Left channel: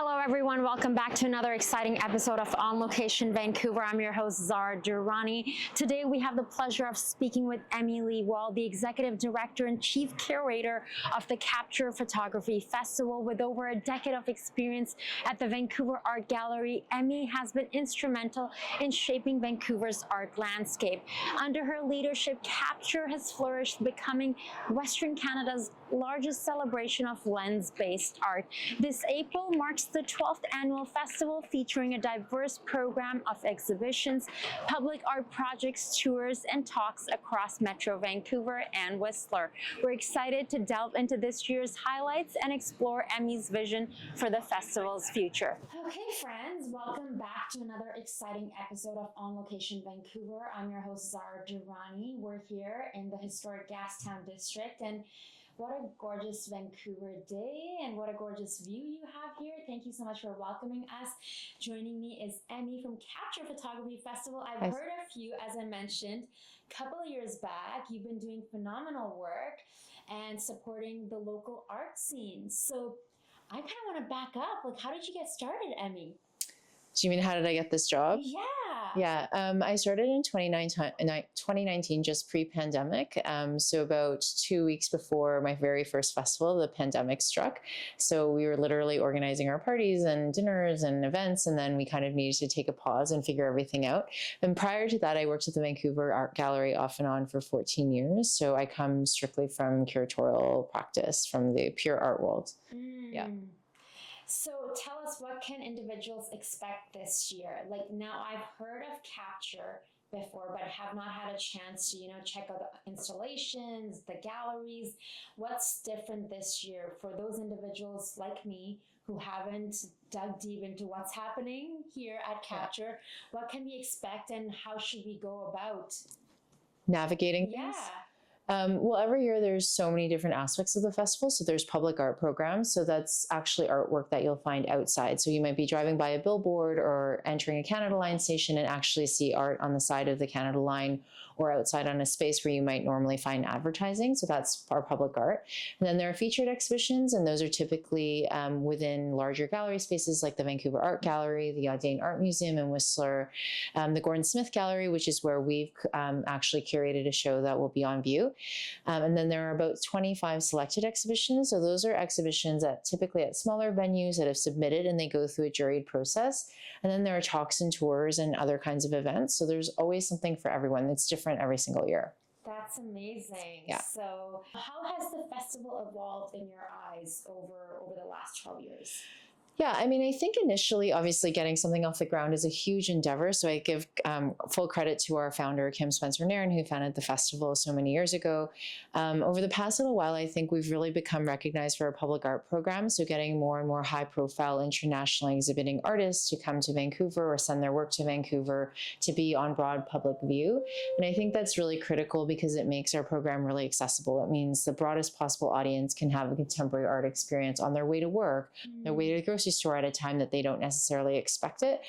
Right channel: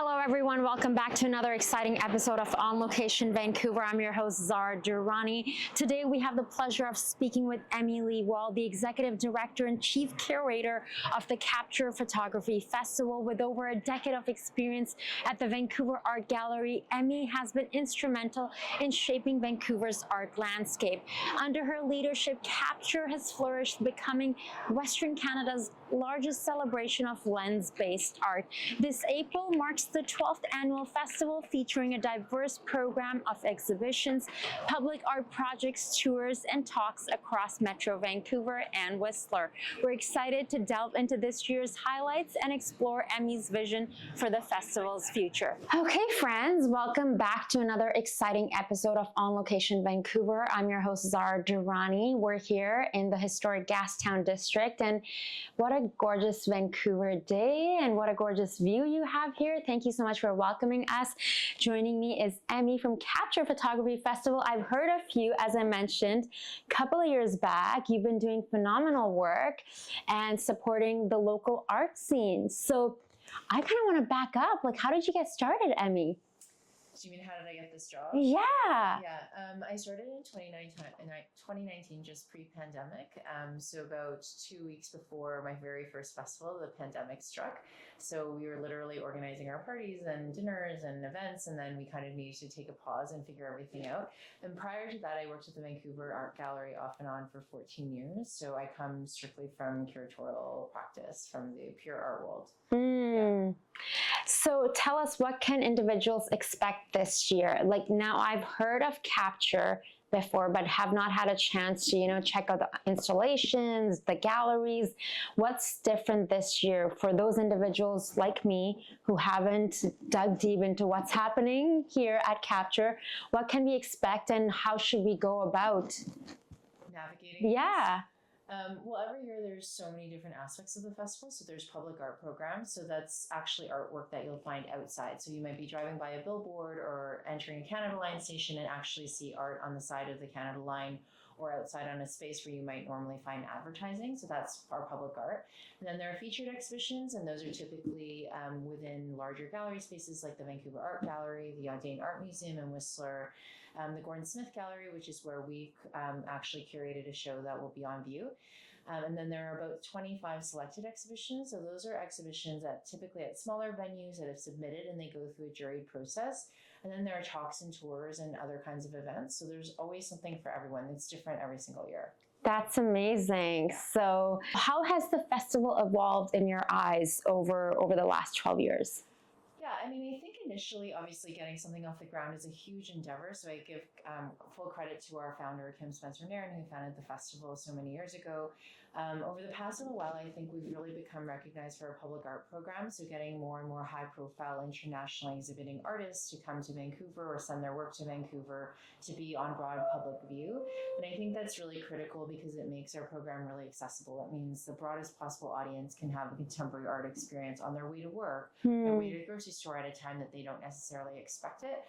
Hello everyone, welcome back to another exciting episode of On Location Vancouver. I'm your host Zara Durrani. Today we have the pleasure of speaking with Emmy Wall, the Executive Director and Chief Curator of the Capture Photography Festival. With over a decade of experience at the Vancouver Art Gallery, Emmy has been instrumental in shaping Vancouver's art landscape. Under her leadership, Capture has flourished, becoming Western Canada's largest celebration of lens-based art. This April marks the 12th annual festival, featuring a diverse program of exhibitions, public art projects, tours, and talks across Metro Vancouver and Whistler. We're excited to delve into this year's highlights and explore Emmy's vision for the festival's future. Okay, friends, welcome back to another exciting episode of On Location Vancouver. I'm your host, Zara Durrani. We're here in the historic Gastown district, and what a gorgeous Vancouver day and what a gorgeous view you have here. Thank you so much for welcoming us. Joining me is Emmy from Capture Photography Festival. I've heard of you, as I mentioned, a couple of years back. You've been doing phenomenal work and supporting the local art scene. So I kind of want to back up. Like, how did you get started, Emmy? Do you mean how did I get this job? Yeah. Yeah. I started in 2019, just pre-pandemic. So about 2 weeks before my very first festival, the pandemic struck. So we were literally organizing our parties and dinners and events, and then we kind of needed to take a pause and figure everything out. And prior to that, I worked at the Vancouver Art Gallery off and on for 14 years. So I come strictly from curatorial practice, from the pure art world. Yeah. So tell us, what can individuals expect this year? Like, now I've heard of Capture before, but have not had a chance to, check out the installations, the galleries. What's different this year for those individuals like me who haven't dug deep into what's happening here at Capture? What can we expect and how should we go about navigating Yeah. things? Well, every year there's so many different aspects of the festival. So there's public art programs. So that's actually artwork that you'll find outside. So you might be driving by a billboard or entering a Canada Line station and actually see art on the side of the Canada Line or outside on a space where you might normally find advertising. So that's our public art. And then there are featured exhibitions, and those are typically within larger gallery spaces like the Vancouver Art Gallery, the Audain Art Museum in Whistler, the Gordon Smith Gallery, which is where we've actually curated a show that will be on view. And then there are about 25 selected exhibitions. So those are exhibitions that typically at smaller venues that have submitted, and they go through a juried process. And then there are talks and tours and other kinds of events. So there's always something for everyone. That's different every single year. That's amazing. Yeah. So how has the festival evolved in your eyes over the last 12 years? Yeah, I mean, I think initially, obviously, getting something off the ground is a huge endeavor. So I give full credit to our founder, Kim Spencer-Nairn, who founded the festival so many years ago. Over the past little while, I think we've really become recognized for our public art program. So getting more and more high-profile, internationally exhibiting artists to come to Vancouver or send their work to Vancouver to be on broad public view. And I think that's really critical because it makes our program really accessible. It means the broadest possible audience can have a contemporary art experience on their way to work, their way to the grocery store at a time that they don't necessarily expect it.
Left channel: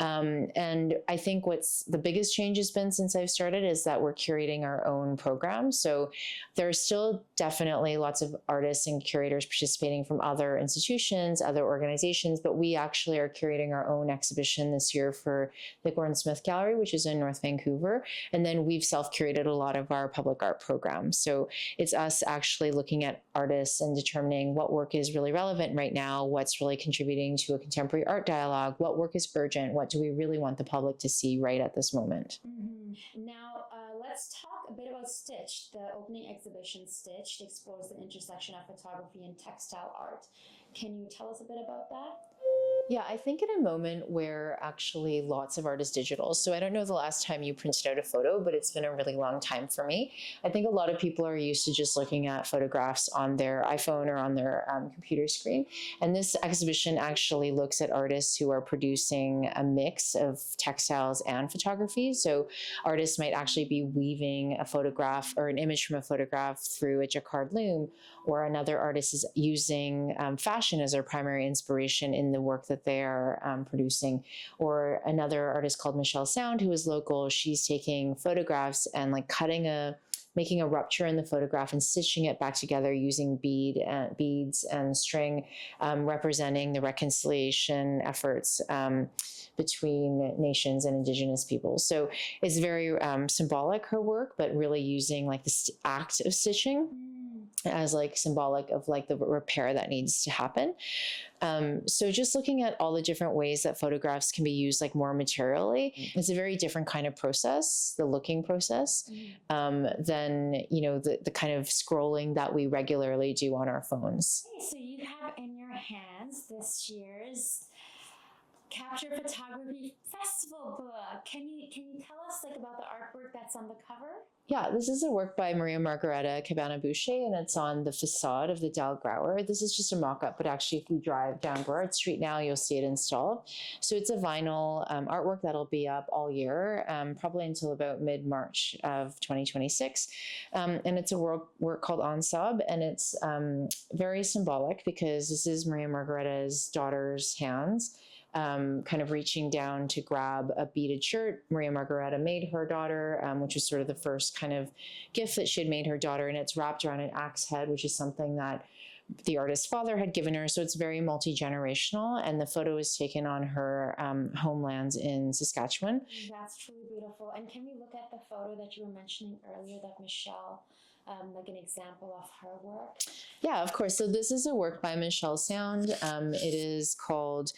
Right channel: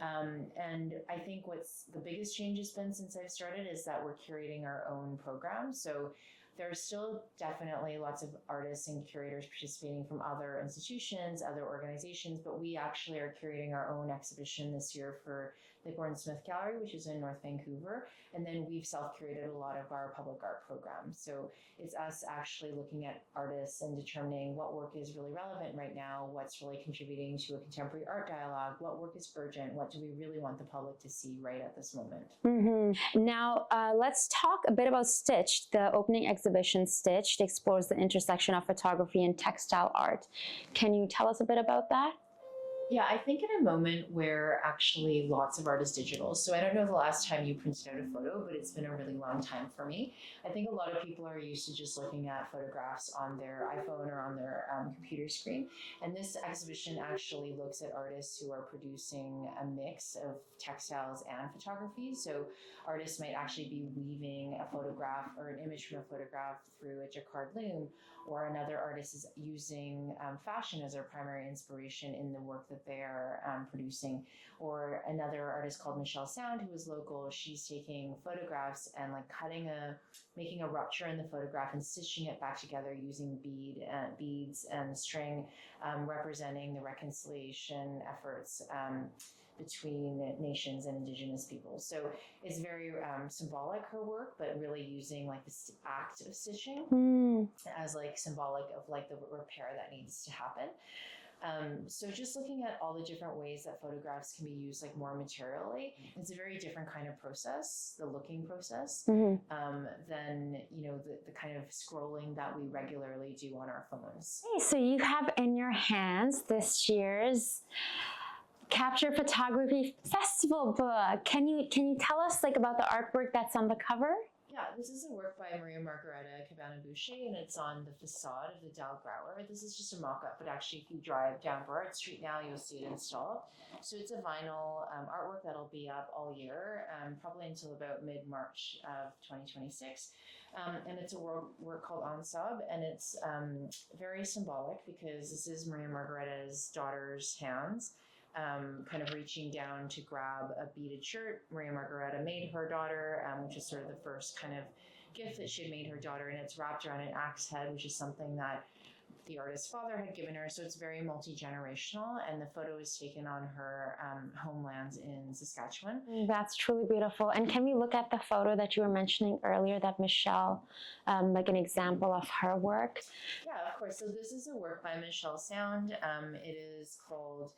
And I think what's the biggest change has been since I've started is that we're curating our own program. So there's still definitely lots of artists and curators participating from other institutions, other organizations, but we actually are curating our own exhibition this year for the Gordon Smith Gallery, which is in North Vancouver. And then we've self-curated a lot of our public art programs. So it's us actually looking at artists and determining what work is really relevant right now, what's really contributing to a contemporary art dialogue, what work is urgent, what do we really want the public to see right at this moment. Now, let's talk a bit about Stitched. The opening exhibition, Stitched, explores the intersection of photography and textile art. Can you tell us a bit about that? Yeah, I think in a moment where actually lots of art is digital. So I don't know the last time you printed out a photo, but it's been a really long time for me. I think a lot of people are used to just looking at photographs on their iPhone or on their computer screen. And this exhibition actually looks at artists who are producing a mix of textiles and photography. So artists might actually be weaving a photograph or an image from a photograph through a jacquard loom, or another artist is using fashion as their primary inspiration in the work that they are producing. Or another artist called Michelle Sound, who is local, she's taking photographs and like cutting a making a rupture in the photograph and stitching it back together using beads and string, representing the reconciliation efforts between nations and Indigenous peoples. So it's very symbolic, her work, but really using like this act of stitching as like symbolic of like the repair that needs to happen. So just looking at all the different ways that photographs can be used like more materially, it's a very different kind of process, the looking process, than, you know, the kind of scrolling that we regularly do on our phones. So you have in your hands this year's Capture Photography Festival book. Can you tell us like about the artwork that's on the cover? Yeah, this is a work by Maria Margareta Cabana Boucher, and it's on the facade of the Dal Grauer. This is just a mock-up, but actually if you drive down Burrard Street now, you'll see it installed. So it's a vinyl artwork that'll be up all year, probably until about mid-March of 2026. And it's a work called Ansab, and it's very symbolic because this is Maria Margareta's daughter's hands, kind of reaching down to grab a beaded shirt Maria Margareta made her daughter, which was sort of the first kind of gift that she had made her daughter, and it's wrapped around an axe head, which is something that the artist's father had given her. So it's very multi-generational, and the photo is taken on her homelands in Saskatchewan. That's truly beautiful. And can we look at the photo that you were mentioning earlier, that Michelle, like an example of her work? Yeah, of course. So this is a work by Michelle Sound. It is called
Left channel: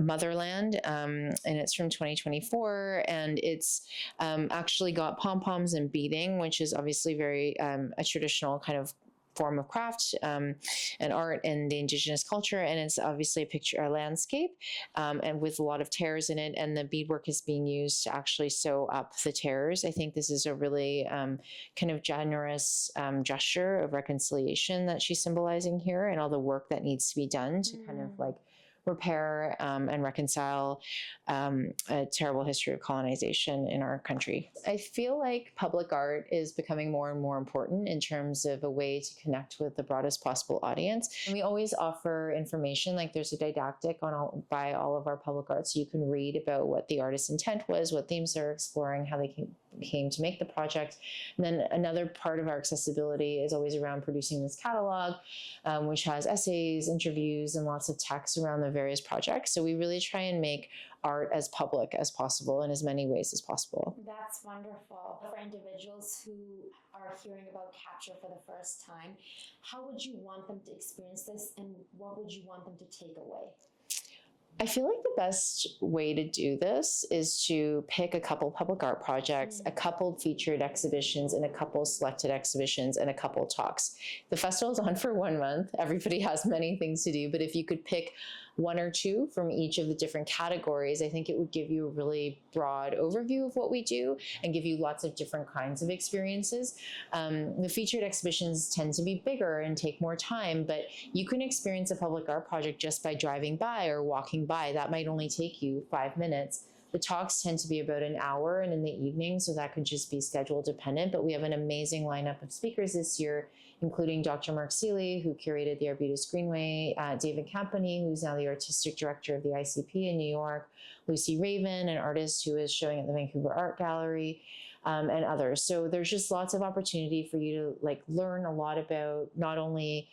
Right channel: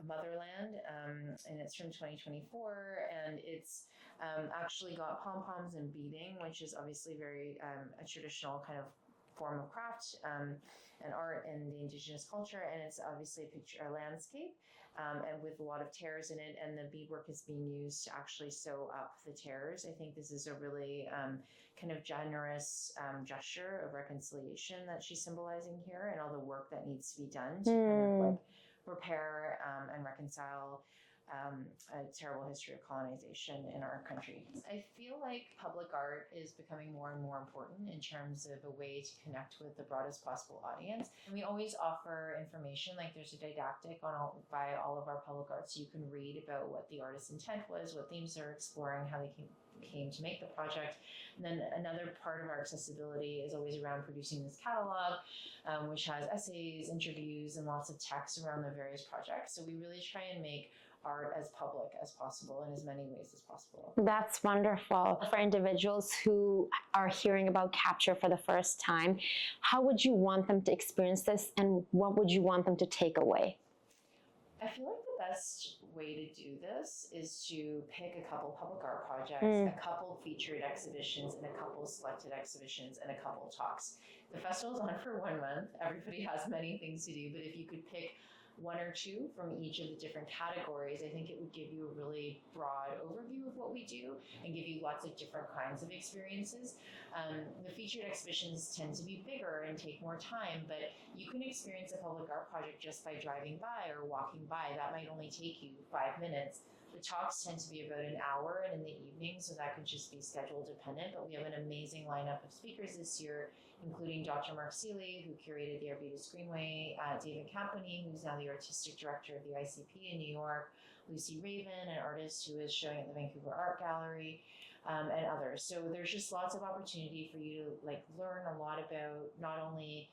Motherland, and it's from 2024. And it's actually got pom-poms and beading, which is obviously very a traditional kind of form of craft and art in the Indigenous culture, and it's obviously a landscape, and with a lot of tears in it, and the beadwork is being used to actually sew up the tears. I think this is a really kind of generous gesture of reconciliation that she's symbolizing here, and all the work that needs to be done to kind of like repair and reconcile a terrible history of colonization in our country. I feel like public art is becoming more and more important in terms of a way to connect with the broadest possible audience. And we always offer information, like there's a didactic by all of our public art, so you can read about what the artist's intent was, what themes they're exploring, how they came to make the project. And then another part of our accessibility is always around producing this catalog, which has essays, interviews, and lots of text around the various projects. So we really try and make art as public as possible in as many ways as possible. That's wonderful. For individuals who are hearing about Capture for the first time, how would you want them to experience this, and what would you want them to take away? I feel like the best way to do this is to pick a couple public art projects, a couple featured exhibitions, and a couple selected exhibitions, and a couple talks. The festival's on for 1 month. Everybody has many things to do, but if you could pick one or two from each of the different categories, I think it would give you a really broad overview of what we do and give you lots of different kinds of experiences. The featured exhibitions tend to be bigger and take more time, but you can experience a public art project just by driving by or walking by. That might only take you 5 minutes. The talks tend to be about an hour and in the evening, so that could just be schedule dependent, but we have an amazing lineup of speakers this year, including Dr. Mark Seeley, who curated the Arbutus Greenway, David Campany, who's now the artistic director of the ICP in New York, Lucy Raven, an artist who is showing at the Vancouver Art Gallery, and others. So there's just lots of opportunity for you to like learn a lot about not only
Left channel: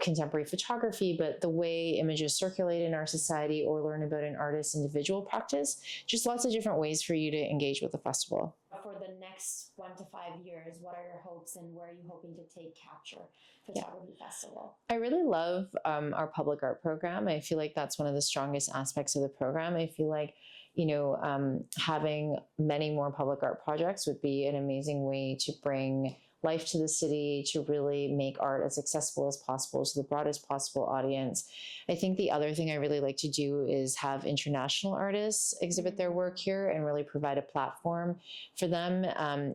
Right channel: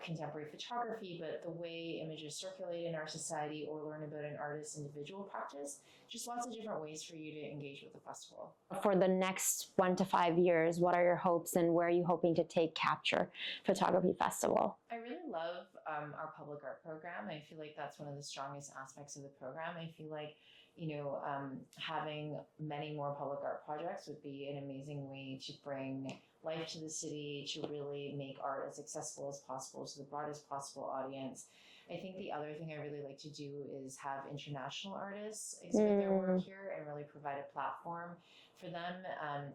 contemporary photography, but the way images circulate in our society, or learn about an artist's individual practice. Just lots of different ways for you to engage with the festival. For the next 1 to 5 years, what are your hopes, and where are you hoping to take Capture Photography Festival? I really love our public art program. I feel like that's one of the strongest aspects of the program. I feel like, you know, having many more public art projects would be an amazing way to bring life to the city, to really make art as accessible as possible to the broadest possible audience. I think the other thing I really like to do is have international artists exhibit their work here and really provide a platform for them,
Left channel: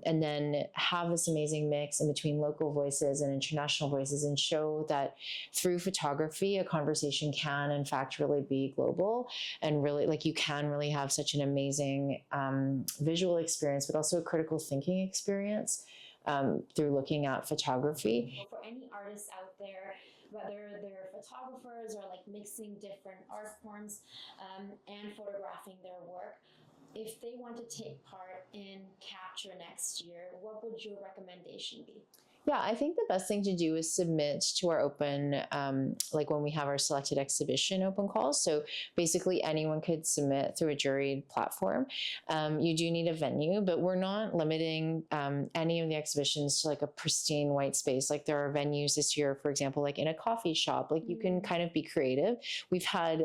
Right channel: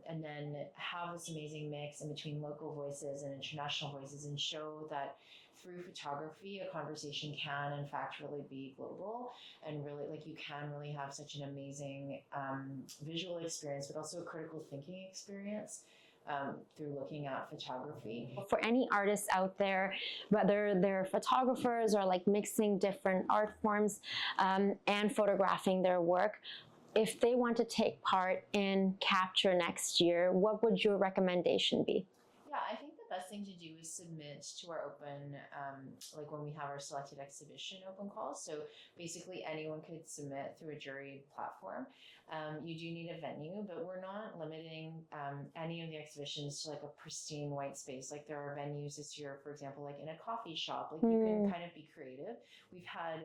and then have this amazing mix in between local voices and international voices, and show that through photography, a conversation can in fact really be global, and really like you can really have such an amazing visual experience, but also a critical thinking experience through looking at photography. For any artists out there, whether they're photographers or like mixing different art forms and photographing their work, if they want to take part in Capture next year, what would your recommendation be? Yeah, I think the best thing to do is submit to our open, like when we have our selected exhibition open calls. So basically anyone could submit through a juried platform. You do need a venue, but we're not limiting any of the exhibitions to like a pristine white space. Like there are venues this year, for example, like in a coffee shop, like you can kind of be creative. We've had,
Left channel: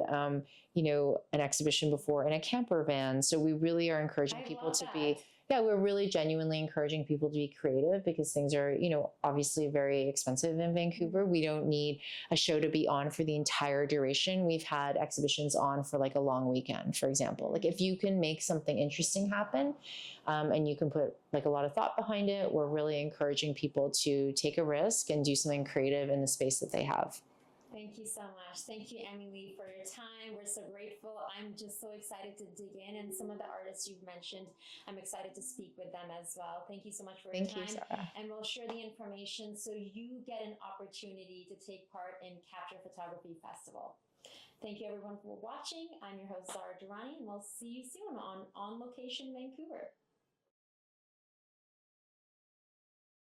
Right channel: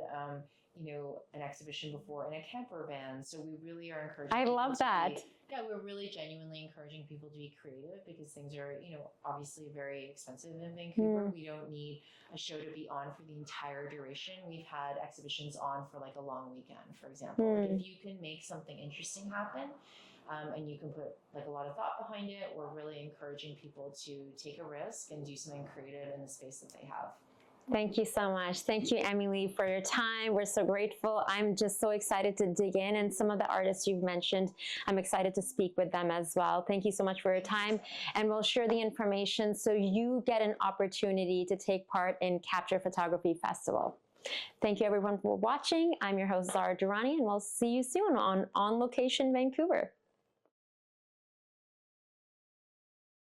an exhibition before in a camper van. So we really are encouraging people to be, we're really genuinely encouraging people to be creative because things are, obviously very expensive in Vancouver. We don't need a show to be on for the entire duration. We've had exhibitions on for like a long weekend, for example. Like if you can make something interesting happen, and you can put like a lot of thought behind it, we're really encouraging people to take a risk and do something creative in the space that they have. Thank you so much. Thank you, Emily, for your time. We're so grateful. I'm just so excited to dig in. And some of the artists you've mentioned, I'm excited to speak with them as well. Thank you so much for your time. And we'll share the information so you get an opportunity to take part in Capture Photography Festival. Thank you, everyone, for watching. I'm your host, Zara Durrani, and we'll see you soon on Location Vancouver.